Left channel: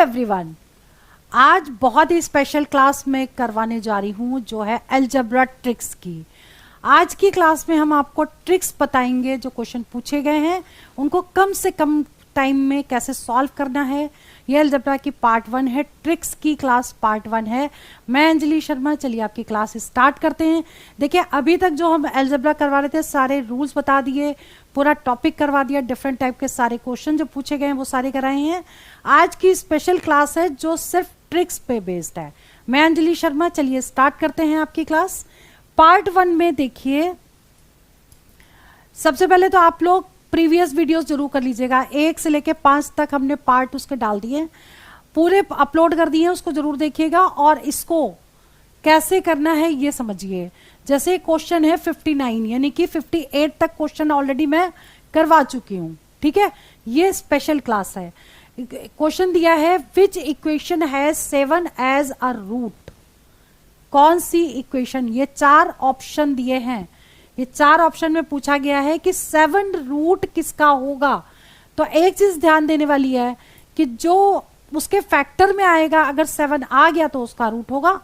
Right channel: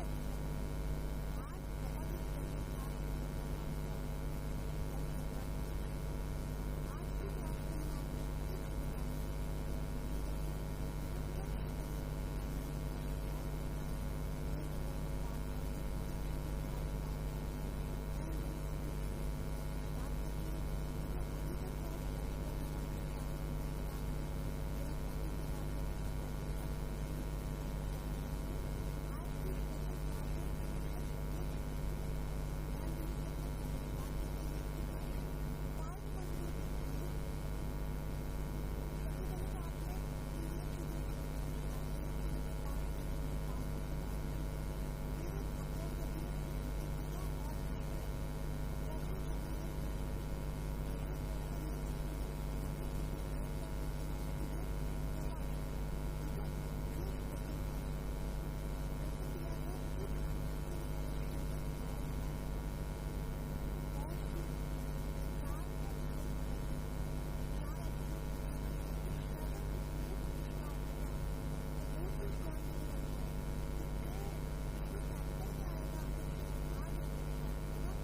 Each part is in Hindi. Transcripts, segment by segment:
एवरीवन, आज बहुत ही स्पेशल क्लास में करवाने जा रही हूँ जो है अलजेब्रा ट्रिक्स की। आज की क्लास में हम आपको ट्रिक्स बताएंगे, जो क्वेश्चन पूछे गए हैं उनको कम से कम टाइम में कैसे सॉल्व करना है। ये अलजेब्रा की पार्ट 1 है, ट्रिक्स की क्लास पार्ट 1 है। मैं अंजलि शर्मा, चलिए आपकी क्लास स्टार्ट करते हैं। देखिए, अभी तक जो हम अलजेब्रा करवा रहे थे सारे रूल्स बता दिए, पूरा टॉपिक करवा दिया, डिफरेंट टाइप के सारे क्वेश्चन जो पूछे गए हैं वो सारे कराए हैं। आज की स्पेशल क्लास है जो सिर्फ ट्रिक्स पे बेस्ड है। मैं अंजलि शर्मा, चलिए स्टार्ट करते हैं आपकी क्लास। पार्ट 1 में देखिए, सबसे पहले तो आप लोग प्रीवियस वीडियोस जरूर कर लीजिएगा। 1 से लेके 5 तक हमने पार्ट उसके डाल दिए, पूरे अपलोड कर दिए, उसको जरूर देखिएगा और इसको कैसे करना है ये समझिए। जैसे क्वेश्चन है 59, यानी कि 58 तक क्वेश्चन ऑलरेडी मैं करवा चुकी हूँ, ठीक है। ये स्पेशल क्लास है। क्वेश्चन दिया है which equation has 7 as a root. कौन सी इक्वेशन, ये 4 ऑप्शन दिए हैं, ये 4 ऑप्शन में पूछा गया है कि 7 रूट किसका होगा। तो एक चीज ध्यान देने वाली है कि जो उसके फैक्टर में आएगा, अगर 7 आ गया तो उसका रूट होगा,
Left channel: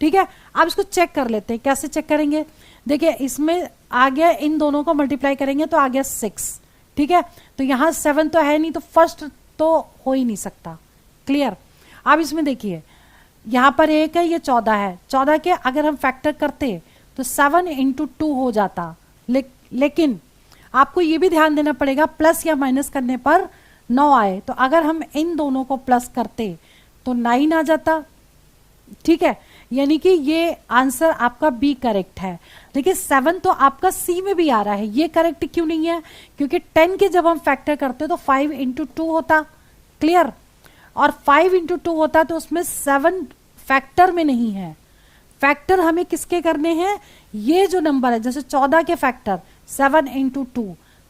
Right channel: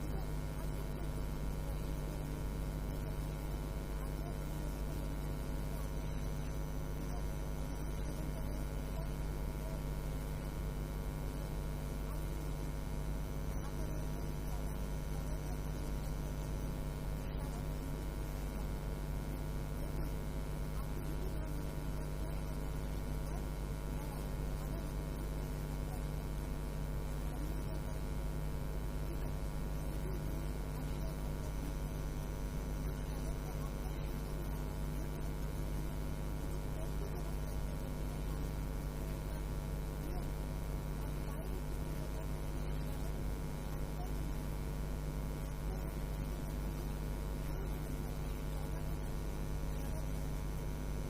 ठीक है। अब इसको चेक कर लेते हैं, कैसे चेक करेंगे। देखिए, इसमें आ गया, इन दोनों को मल्टीप्लाई करेंगे तो आ गया 6, ठीक है। तो यहाँ 7 तो है नहीं, तो फर्स्ट तो हो ही नहीं सकता, क्लियर। अब इसमें देखिए, यहाँ पर 1 है, ये 14 है। 14 के अगर हम फैक्टर करते तो 7 × 2 हो जाता, लेकिन आपको ये भी ध्यान देना पड़ेगा प्लस या माइनस करने पर 9 आए। तो अगर हम इन दोनों को प्लस करते तो 9 आ जाता, ठीक है। यानी कि ये आंसर आपका बी करेक्ट है। देखिए, 7 तो आपका सी में भी आ रहा है, ये करेक्ट क्यों नहीं है? क्योंकि 10 के जब हम फैक्टर करते तो 5 × 2 होता, क्लियर। और 5 × 2 होता तो उसमें 7 फैक्टर में नहीं है। फैक्टर हमें किसके करने हैं? ये जो नंबर है, जैसे 14 के फैक्टर 7 × 2,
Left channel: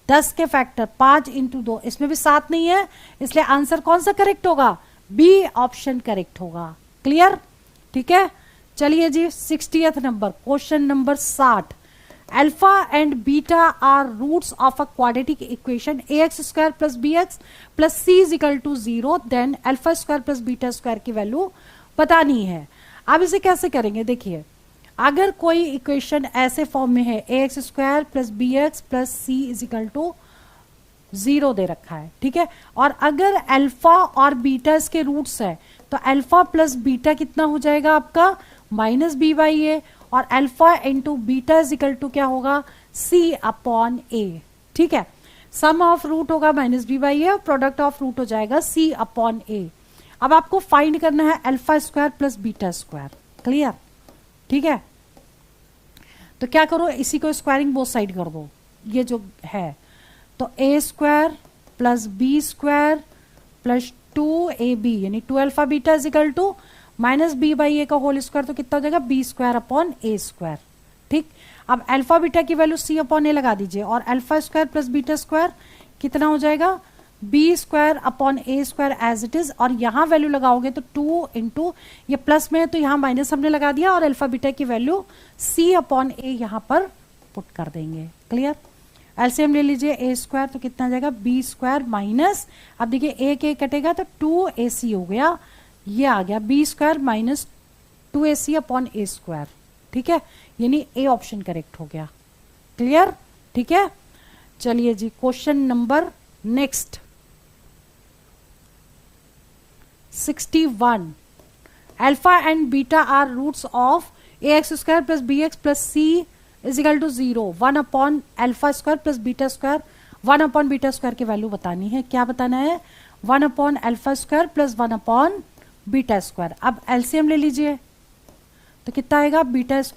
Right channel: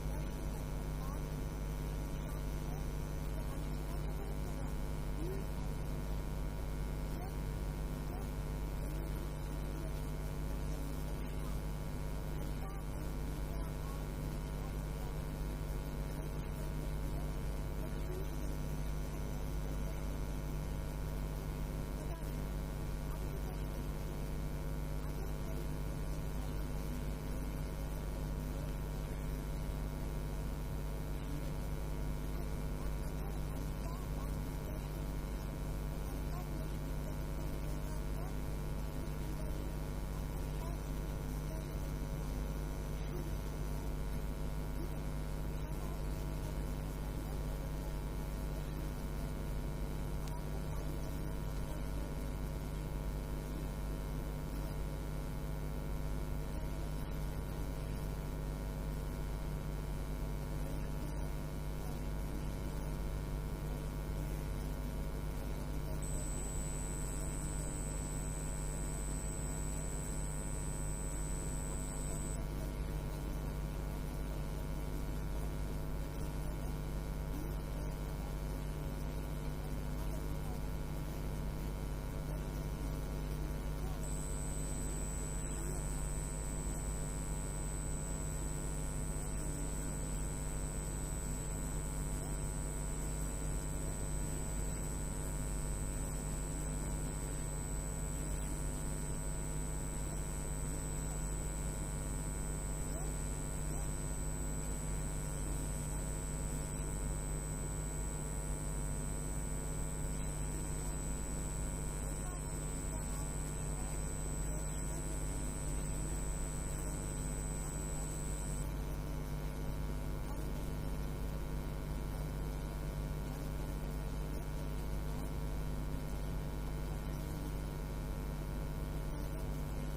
10 के फैक्टर 5 × 2, इसमें भी 7 नहीं है, इसलिए आंसर कौन सा करेक्ट होगा? बी ऑप्शन करेक्ट होगा, क्लियर, ठीक है। चलिए जी, 60th number, question number 60। Alpha and beta are roots of a quadratic equation ax² + bx + c = 0, then α² + β² की वैल्यू बतानी है। अब इसे कैसे करेंगे? देखिए, अगर कोई इक्वेशन ऐसे फॉर्म में है ax² + bx + c = 0 दे रखा है, ठीक है। और अगर अल्फा और बीटा इसके रूट्स है तो अल्फा प्लस बीटा कितना हो जाएगा आपका? -b/a, और अल्फा × बीटा = क्या होगा? c/a, ठीक है। सम ऑफ रूट होगा -b/a और प्रोडक्ट ऑफ रूट हो जाएगा c/a। अब आपको फाइंड करना है α² + β², क्लियर, ठीक है। तो क्या करो, इसी को स्क्वायरिंग बोथ साइड कर दो, ये जो है। तो a² + b² + 2ab, यानी 2α β = -b/a का होल स्क्वायर, तो कितना हो जाएगा? b²/a², ठीक। अब अल्फा बीटा की वैल्यू c/a लगा दीजिए, और α² + β² कितना हो जाएगा? b²/a² as it is. और यहाँ वैल्यू लगाओगे तो 2 × ये प्लस में है तो यहाँ माइनस हमने लगा दिया, और अल्फा बीटा की वैल्यू c/a यहाँ पर पुट कर देंगे, क्लियर। एलसीएम ले लीजिए, a² तो कितना आ जाएगा? b² माइनस, अब देखिए 1 कटेगा तो 2ac हो गया, ये आ गया b² - 2ac/a², ठीक है। यानी ए ऑप्शन करेक्ट हो गया, क्लियर, ठीक है। चलिए जी, question number next 61। Alpha and beta are roots of ax² + bx + c = 0, 1/α² + β², 1/β² की वैल्यू बतानी है। क्या बताना है? 1/α² + 1/β²। अब एलसीएम ले लीजिए, तो कितना आएगा? β² +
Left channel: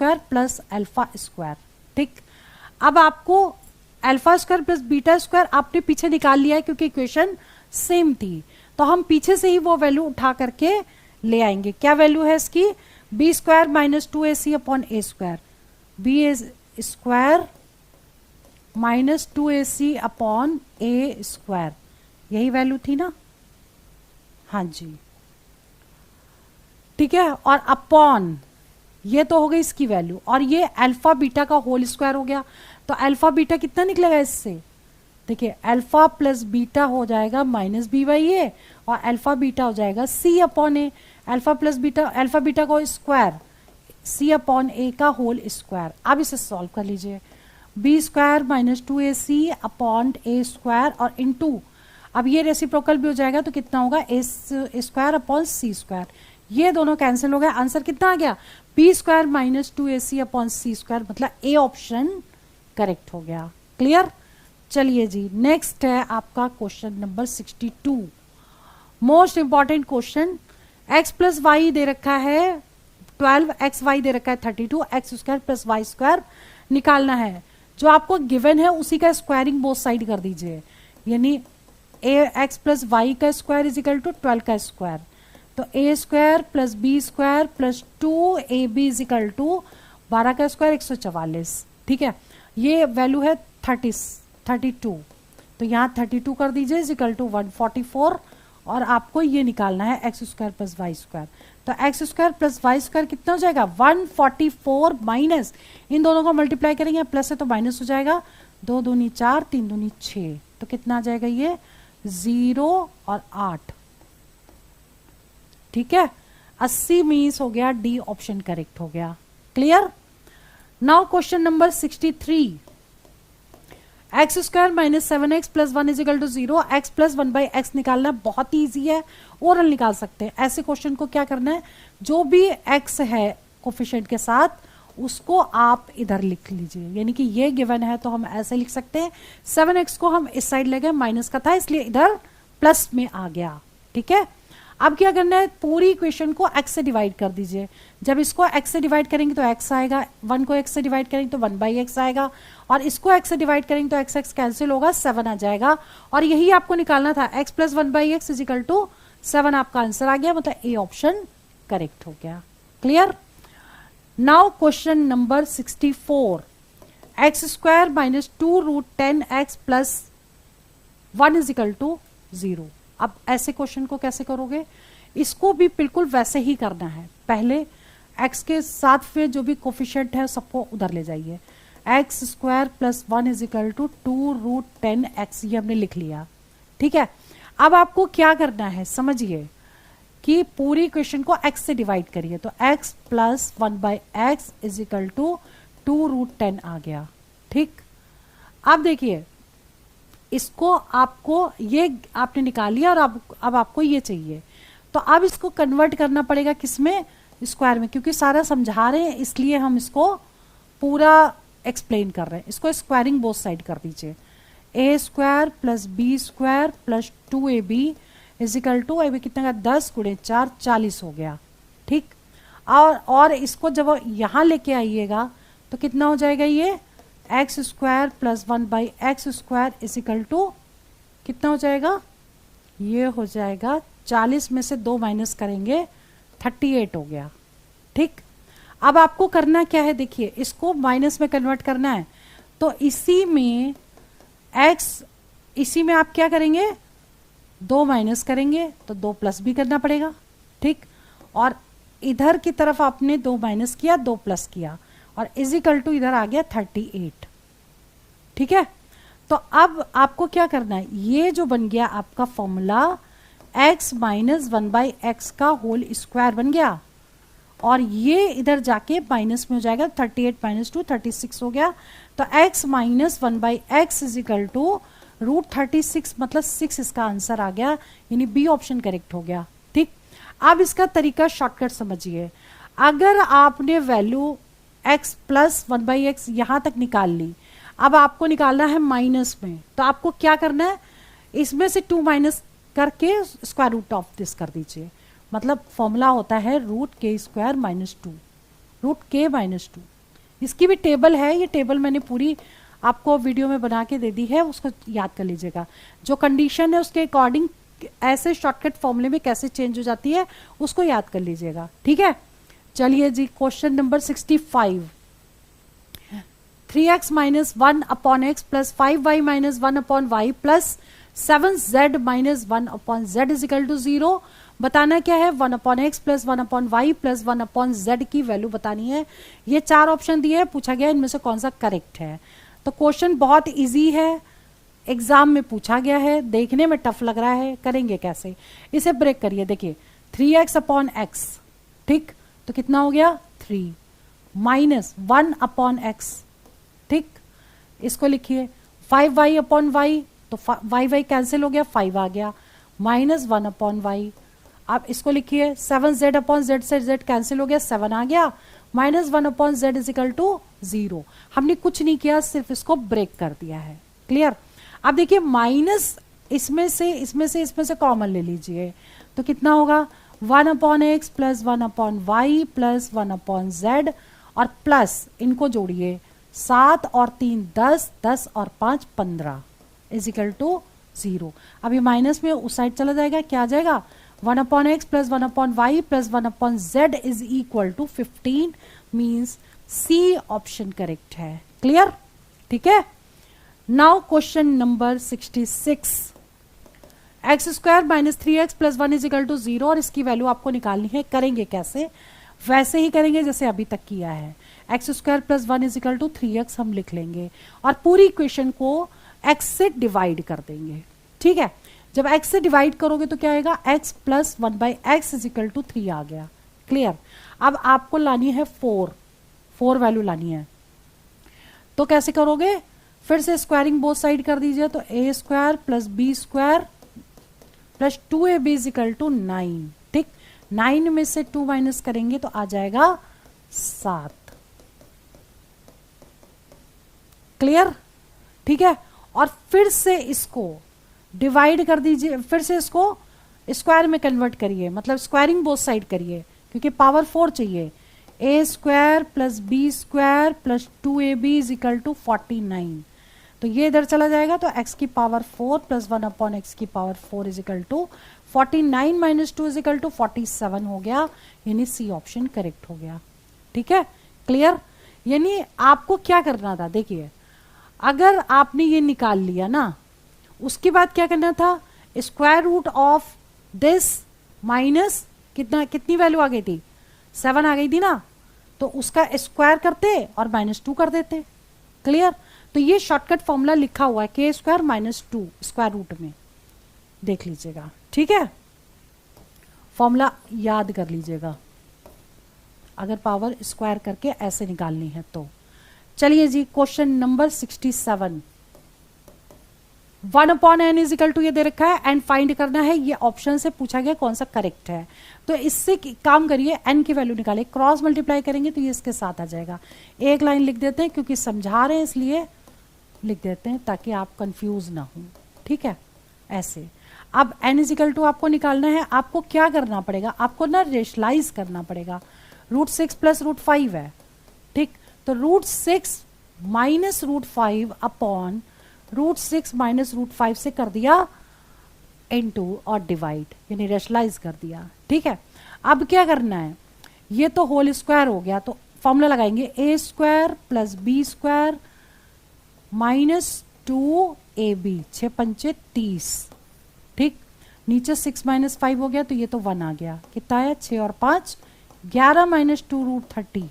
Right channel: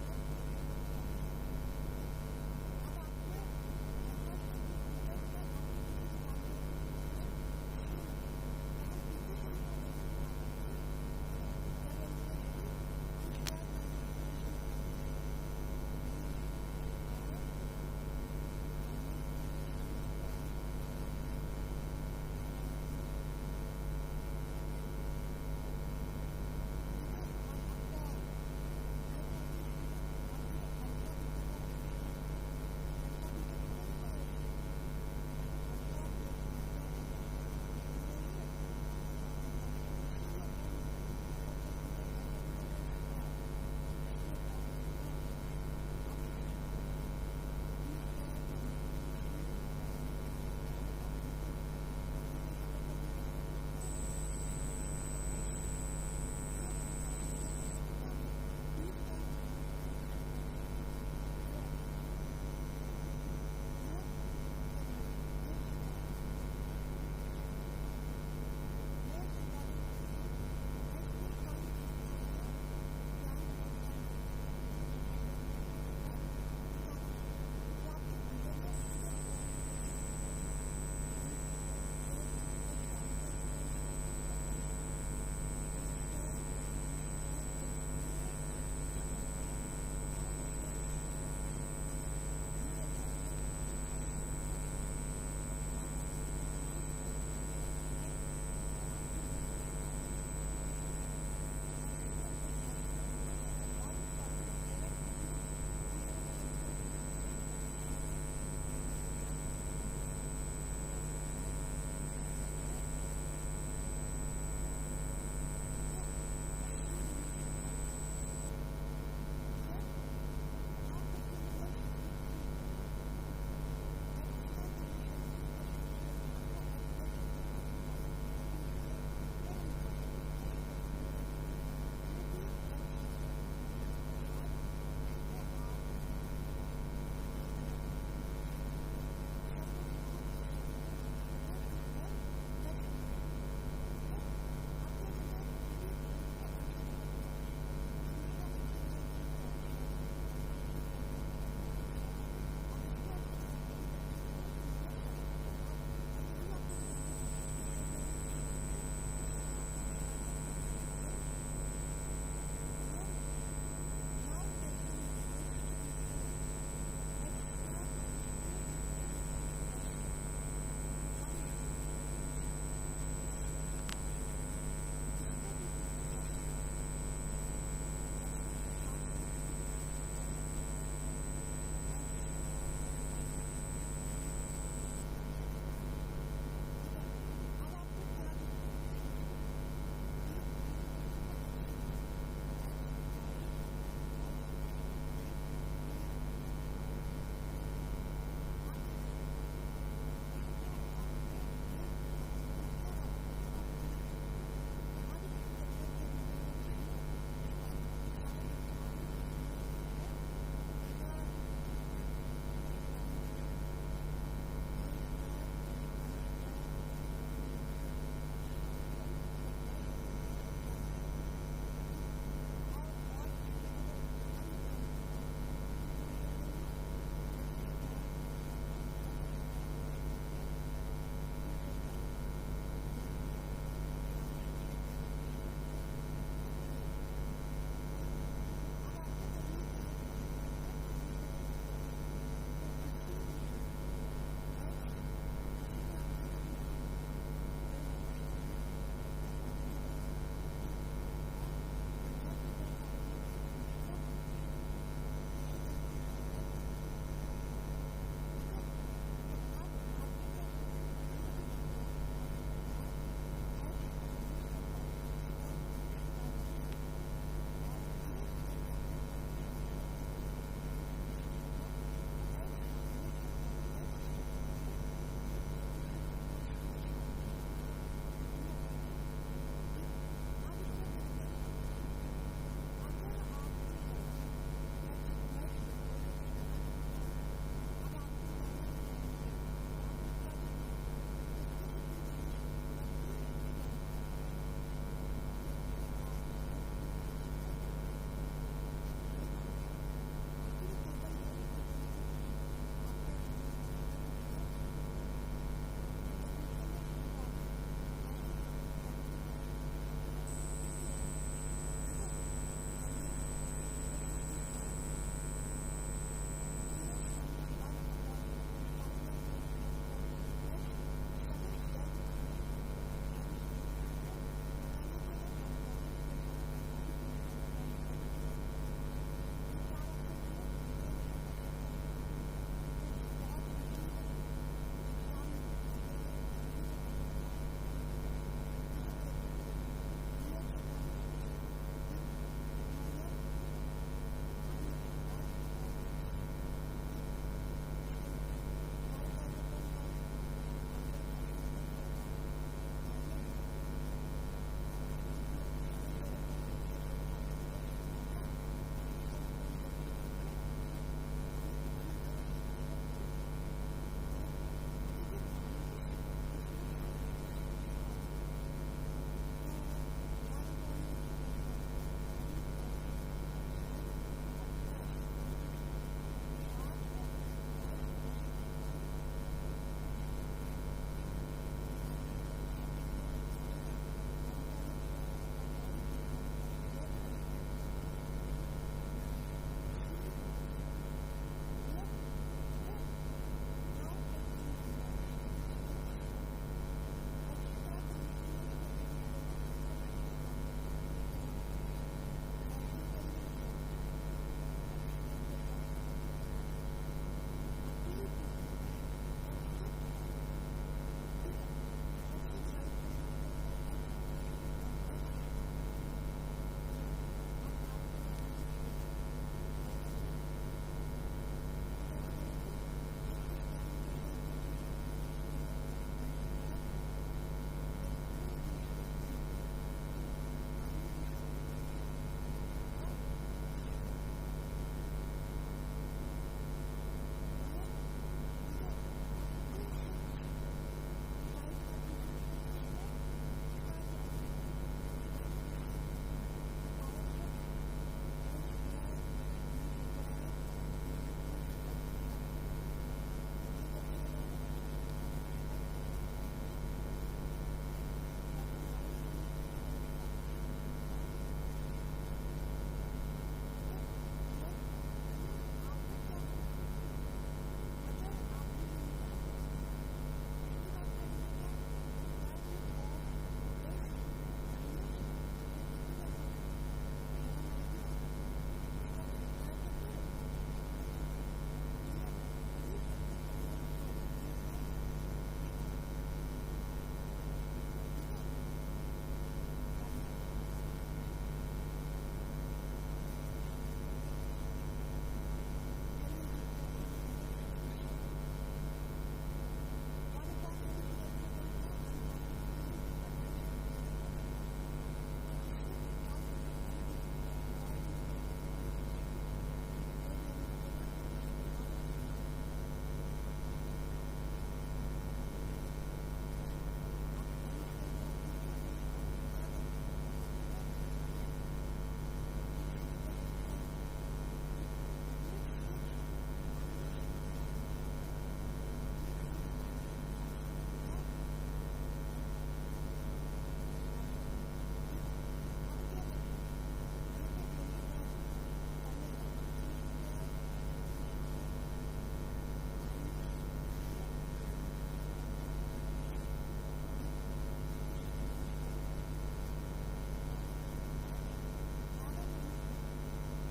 α², ठीक। अब आपको α² + β² आपने पीछे निकाल लिया है क्योंकि इक्वेशन सेम थी, तो हम पीछे से ही वो वैल्यू उठा करके ले आएंगे। क्या वैल्यू है इसकी? b² - 2ac/a², b² - 2ac/a², यही वैल्यू थी ना? हाँ जी, ठीक है। और अपॉन, ये तो हो गई इसकी वैल्यू, और ये अल्फा बीटा का होल स्क्वायर हो गया। तो अल्फा बीटा कितना निकलेगा इससे? देखिए, अल्फा प्लस बीटा हो जाएगा -b/a, और अल्फा बीटा हो जाएगा C upon A, alpha plus beta, alpha beta को स्क्वायर सी अपॉन ए का होल स्क्वायर। अब इसे सॉल्व कर लीजिए, B square minus 2ac upon A square और इनटू, अब ये रेसिप्रोकल भी हो जाएगा तो कितना होगा A square upon C square, ये दोनों कैंसिल हो गए। आंसर कितना आ गया, B square minus 2ac upon C square, मतलब ए ऑप्शन करेक्ट हो गया। क्लियर। चलिए जी, नेक्स्ट है आपका question number 62, most important question. x plus y दे रखा है 12, एक्स वाई दे रखा है 32, x square plus Y square निकालना है। जो आपको गिवन है उसी का स्क्वायरिंग बोथ साइड कर दीजिए, यानी ए एक्स प्लस वाई का स्क्वायर इज इक्वल टू 12 का स्क्वायर, तो A square plus B square plus 2ab is equal to 12 का स्क्वायर 144। ठीक है, ये वैल्यू है 32, तो यहाँ 32 कर दीजिए इज इक्वल टू 144, और आपको ये निकालना है x square plus Y square. तो X square plus Y square कितना हो जाएगा 144 माइनस, इन दोनों को मल्टीप्लाई करेंगे, प्लस है तो माइनस हो जाएगा, 2 दूनी 4 3 दूनी 6, तो कितना आ जाएगा ये 0 और 8। ठीक है, 80 मीन्स हो गया डी ऑप्शन करेक्ट हो गया। Clear. Now question number 63, x square minus 7x plus 1 is equal to 0, x plus 1 by x निकालना बहुत ही ईजी है, ओरल निकाल सकते हैं। ऐसे क्वेश्चन को क्या करना है, जो भी x है कोफिशिएंट के साथ उसको आप इधर लिख लीजिए, यानी कि ये गिवन है तो हम ऐसे लिख सकते हैं, 7x को हम इस साइड ले गए, माइनस का था इसलिए इधर प्लस में आ गया। ठीक है, अब क्या करना है, पूरी इक्वेशन को x से डिवाइड कर दीजिए। जब इसको x से डिवाइड करेंगे तो x आएगा, 1 को x से डिवाइड करेंगे तो 1 बाई एक्स आएगा, और इसको x से डिवाइड करेंगे तो x कैंसिल होगा, 7 आ जाएगा, और यही आपको निकालना था, x plus 1 by x is equal to 7 आपका आंसर आ गया, मतलब ए ऑप्शन करेक्ट हो गया। Clear. Now question number 64, x square minus 2 root 10x plus 1 is equal to 0। अब ऐसे क्वेश्चन को कैसे करोगे, इसको भी बिल्कुल वैसे ही करना है, पहले x के साथ फिर जो भी कोफिशिएंट है सबको उधर ले जाइए, x square plus 1 is equal to 2 root 10x, ये हमने लिख लिया। ठीक है, अब आपको क्या करना है, समझिए कि पूरी इक्वेशन को x से डिवाइड करिए, तो x plus 1 by x is equal to 2 root 10 आ गया। ठीक, अब देखिए इसको आपको ये आपने निकाल लिया, और अब आपको ये चाहिए, तो अब इसको कन्वर्ट करना पड़ेगा किसमें, स्क्वायर में, क्योंकि सारा समझा रहे हैं इसलिए हम इसको पूरा एक्सप्लेन कर रहे हैं। इसको स्क्वायरिंग बोथ साइड कर दीजिए, A square plus B square plus 2ab is equal to, ab कितना का 10 गुणे 4 40 हो गया। ठीक, और इसको जब यहाँ लेके आइएगा तो कितना हो जाएगा, ये x square plus 1 by x square is equal to कितना हो जाएगा, ये हो जाएगा 40 में से 2 माइनस करेंगे 38 हो गया। ठीक, अब आपको करना क्या है, देखिए इसको माइनस में कन्वर्ट करना है, तो इसी में आप क्या करेंगे, 2 माइनस करेंगे तो 2 प्लस भी करना पड़ेगा। ठीक, और इधर की तरफ आपने 2 माइनस किया 2 प्लस किया, और इज इक्वल टू इधर आ गया 38। ठीक है, तो अब आपको क्या करना है, ये जो बन गया आपका formula x minus 1 by x का होल स्क्वायर बन गया, और ये इधर जाके माइनस में हो जाएगा, 38 माइनस 2 36 हो गया, तो x minus 1 by x is equal to root 36, मतलब 6 इसका आंसर आ गया, यानी बी ऑप्शन करेक्ट हो गया। ठीक, अब इसका तरीका शॉर्टकट समझिए, अगर आपने value x plus 1 by x यहाँ तक निकाल ली, अब आपको निकालना है माइनस में, तो आपको क्या करना है, इसमें से 2 माइनस करके स्क्वायर रूट ऑफ दिस कर दीजिए, मतलब फॉर्मूला होता है रूट के स्क्वायर माइनस 2, रूट के माइनस 2। इसकी भी टेबल है, ये टेबल मैंने पूरी आपको वीडियो में बना के दे दी है, उसको याद कर लीजिएगा, जो कंडीशन है उसके अकॉर्डिंग ऐसे शॉर्टकट फॉर्मूले में कैसे चेंज हो जाती है उसको याद कर लीजिएगा। ठीक है, चलिए जी question number 65, 3x minus 1 upon x plus 5y minus 1 upon Y plus 7z minus 1 upon z is equal to 0। बताना क्या है, 1 upon x plus 1 upon Y plus 1 upon z की वैल्यू बतानी है। ये 4 ऑप्शन दिए हैं, पूछा गया इनमें से कौन सा करेक्ट है। तो क्वेश्चन बहुत इजी है, एग्जाम में पूछा गया है, देखने में टफ लग रहा है, करेंगे कैसे? इसे ब्रेक करिए, देखिए 3x अपॉन एक्स, ठीक, तो कितना हो गया 3 माइनस 1 अपॉन एक्स, ठीक, इसको लिखिए 5y अपॉन वाई, तो y कैंसिल हो गया, 5 आ गया, माइनस 1 अपॉन वाई। अब इसको लिखिए 7z अपॉन जेड से z कैंसिल हो गया, 7 आ गया, minus 1 upon z is equal to 0। हमने कुछ नहीं किया, सिर्फ इसको ब्रेक कर दिया है। क्लियर? अब देखिए माइनस इसमें से कॉमन ले लीजिए, तो कितना होगा 1 upon x plus 1 upon Y plus 1 upon z, और प्लस इनको जोड़िए 7 और 3 10, 10 और 5 15 इज इक्वल टू 0। अब ये माइनस में उस साइड चला जाएगा, क्या आ जाएगा 1 upon x plus 1 upon Y plus 1 upon z is equal to 15, means C option correct है। क्लियर? ठीक है। Now question number 66, x square minus 3x plus 1 is equal to 0, और इसकी वैल्यू आपको निकालनी है। करेंगे कैसे? वैसे ही करेंगे जैसे अभी तक किया है। X square plus 1 is equal to 3x हम लिख लेंगे और पूरी इक्वेशन को x से डिवाइड कर देंगे। ठीक है, जब x से डिवाइड करोगे तो क्या आएगा, x plus 1 by x is equal to 3 आ गया। क्लियर? अब आपको लानी है 4 वैल्यू लानी है, तो कैसे करोगे? फिर से स्क्वायरिंग बोथ साइड कर दीजिए, तो A square plus B square plus 2ab is equal to 9। ठीक, 9 में से 2 माइनस करेंगे तो आ जाएगा 7। क्लियर? ठीक है, और फिर से इसको डिवाइड कर दीजिए, फिर से इसको स्क्वायर में कन्वर्ट करिए, मतलब स्क्वायरिंग बोथ साइड करिए, क्योंकि पावर 4 चाहिए। A square plus B square plus 2ab is equal to 49, तो ये इधर चला जाएगा, तो x की पावर 4 प्लस 1 अपॉन एक्स की power 4 is equal to 49 minus 2 is equal to 47 हो गया, यानी सी ऑप्शन करेक्ट हो गया। ठीक है, क्लियर? यानी आपको क्या करना था, देखिए अगर आपने ये निकाल लिया ना, उसके बाद क्या करना था, square root of this minus कितनी वैल्यू आ गई थी, 7 आ गई थी ना, तो उसका स्क्वायर करते और -2 कर देते। क्लियर? तो ये शॉर्टकट फॉर्मूला लिखा हुआ है के स्क्वायर माइनस 2 स्क्वायर रूट में, देख लीजिएगा। ठीक है, फॉर्मूला याद कर लीजिएगा अगर पावर स्क्वायर करके ऐसे निकालनी है तो। चलिए जी, question number 67, 1 upon n is equal to ये दे रखा है, एंड फाइंड करना है, ये ऑप्शन से पूछा गया कौन सा करेक्ट है। तो इससे काम करिए, एन की वैल्यू निकाले, क्रॉस मल्टीप्लाई करेंगे तो ये इसके साथ आ जाएगा। एक लाइन लिख देते हैं क्योंकि समझा रहे हैं इसलिए लिख देते हैं, ताकि आप कंफ्यूज ना हो। ठीक है, ऐसे। अब एन इज इक्वल टू आपको निकालना है, आपको क्या करना पड़ेगा, आपको ना रेशलाइज करना पड़ेगा। √6 प्लस √5 है, ठीक, तो √6 माइनस √5 अपॉन √6 माइनस √5 से कर दिया इनटू और डिवाइड, यानी रेशलाइज कर दिया। ठीक है, अब क्या करना है, ये तो होल स्क्वायर हो गया, तो फॉर्मूला लगाएंगे A square plus B square minus 2ab, 6 पंचे 30। ठीक, नीचे 6 माइनस 5 हो गया, तो ये तो 1 आ गया, कितना आया 6 और 5 11 माइनस 2 √30,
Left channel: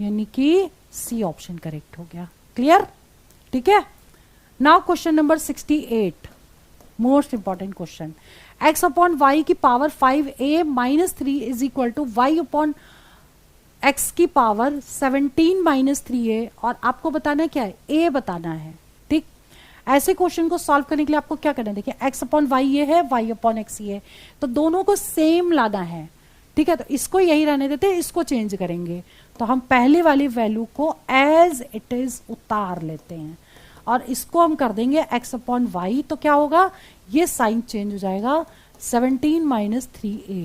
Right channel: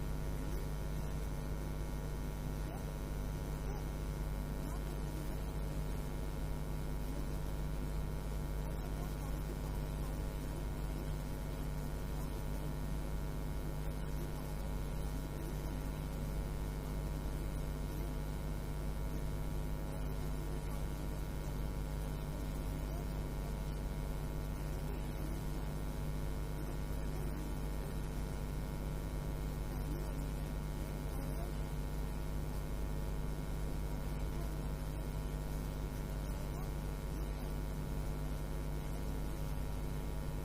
यानी कि सी ऑप्शन करेक्ट हो गया। क्लियर? ठीक है। Now question number 68, most important question, x upon Y की power 5a minus 3 is equal to Y upon x की पावर 17 माइनस 3a, और आपको बताना क्या है, a बताना है। ठीक, ऐसे क्वेश्चन को सॉल्व करने के लिए आपको क्या करना है, देखिए x अपॉन वाई ये है, y अपॉन x ये है, तो दोनों को सेम लाना है। ठीक है, तो इसको यही रहने देते हैं, इसको चेंज करेंगे, तो हम पहले वाली वैल्यू को एज इट इज उतार लेते हैं और इसको हम कर देंगे x अपॉन वाई, तो क्या होगा, ये साइन चेंज हो जाएगा, 17 माइनस 3a,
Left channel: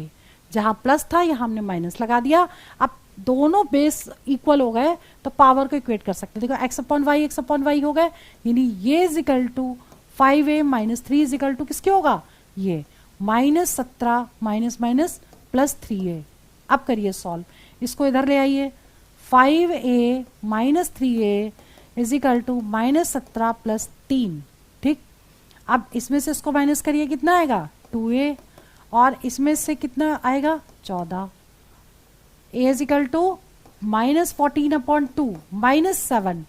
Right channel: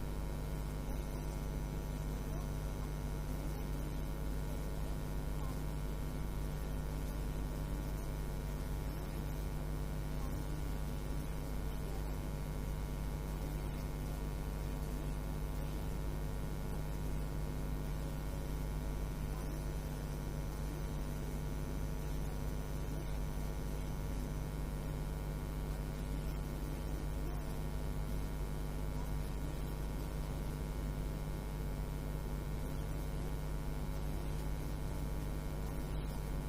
जहां प्लस था यहाँ हमने माइनस लगा दिया। अब दोनों बेस इक्वल हो गए तो पावर को इक्वेट कर सकते हैं, देखो x अपॉन वाई हो गए, यानी ये is equal to 5a minus 3 is equal to किसके होगा, ये -17 माइनस माइनस प्लस 3a। अब करिए सॉल्व, इसको इधर ले आइए, 5a minus 3a is equal to -17 plus 3। ठीक, अब इसमें से इसको माइनस करिए, कितना आएगा 2a, और इसमें से कितना आएगा 14, a is equal to -14 upon 2 -7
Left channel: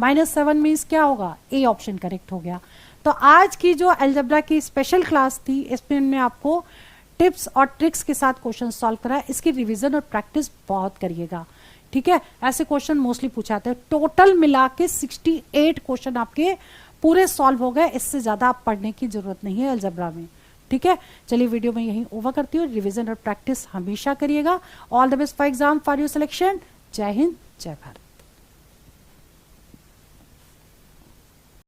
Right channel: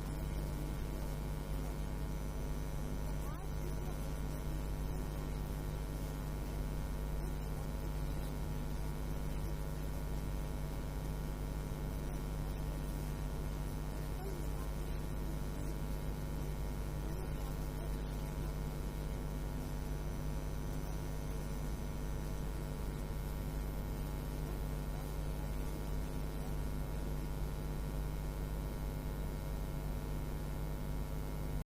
-7 means क्या होगा, ए ऑप्शन करेक्ट हो गया। तो आज की जो अलजेब्रा की स्पेशल क्लास थी, इसमें मैं आपको टिप्स और ट्रिक्स के साथ क्वेश्चन सॉल्व करा। इसकी रिवीजन और प्रैक्टिस बहुत करिएगा, ठीक है। ऐसे क्वेश्चन मोस्टली पूछाते हैं। टोटल मिला के 68 क्वेश्चन आपके पूरे सॉल्व हो गए। इससे ज़्यादा आप पढ़ने की जरूरत नहीं है अलजेब्रा में, ठीक है। चलिए वीडियो में यहीं ओवर करती हूँ। रिवीजन और प्रैक्टिस हमेशा करिएगा। All the best for exam, for your selection. जय हिंद, जय भारत।